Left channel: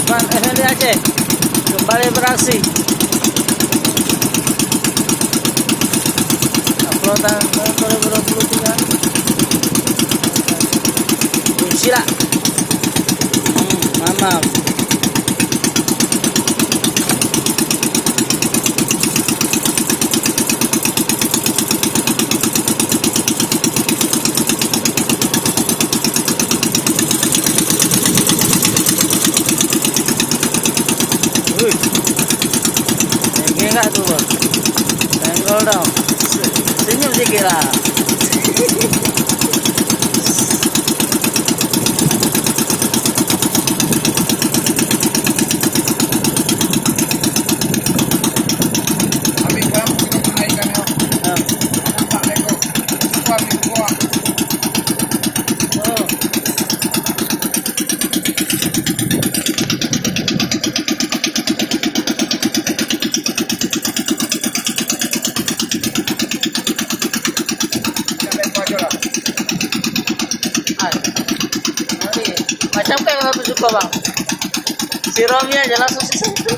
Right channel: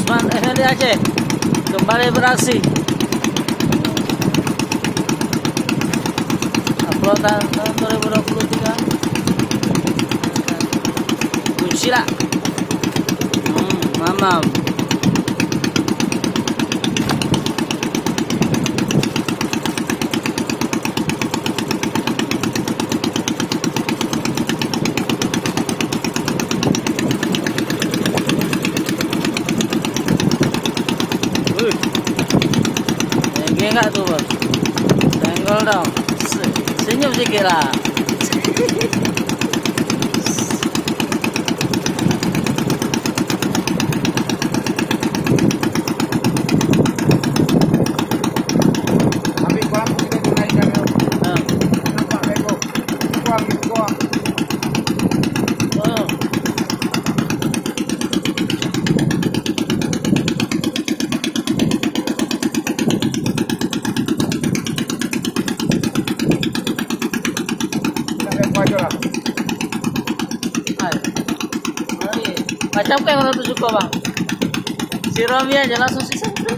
Di Aceh kembali beraksi. Uploadan tahun 2023. Buncilak. Mamam. Tinggi enggak tuh bang? Senggol dong. Senyum sikit lah. Ambil kolam kita pun ikan ni. Nampak lego. Kuang ni kuang. Oh. Aja lah. Mari. Macam apa yang aku suka bang? Si Romi aja langsung sisa itu.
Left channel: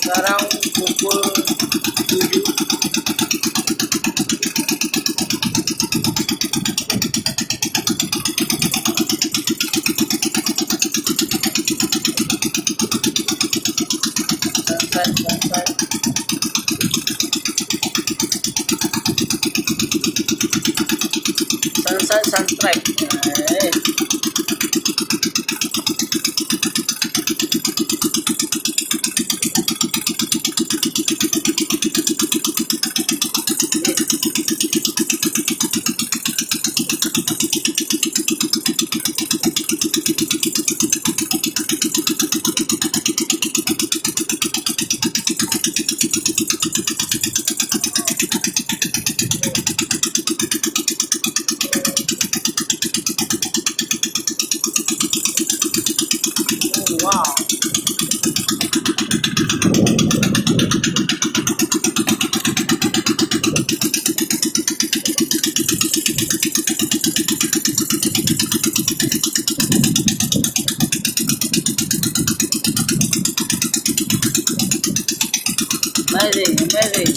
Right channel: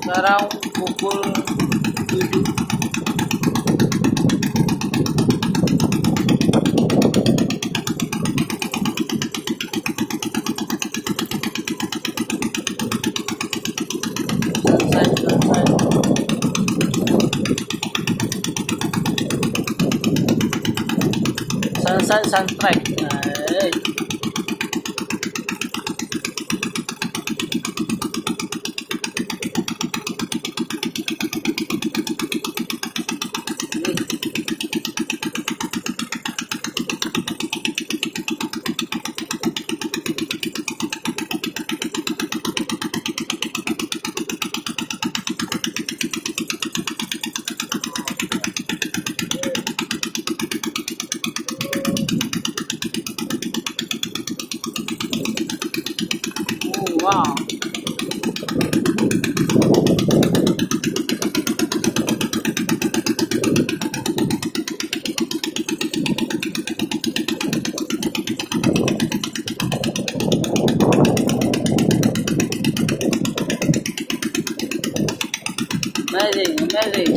Sekarang pukul 7. Sunset sunstrike. Wow. Amazing, amazing.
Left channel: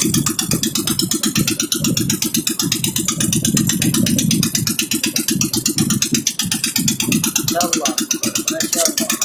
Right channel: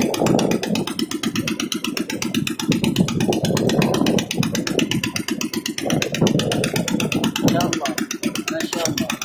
Masya Allah, Masya Allah.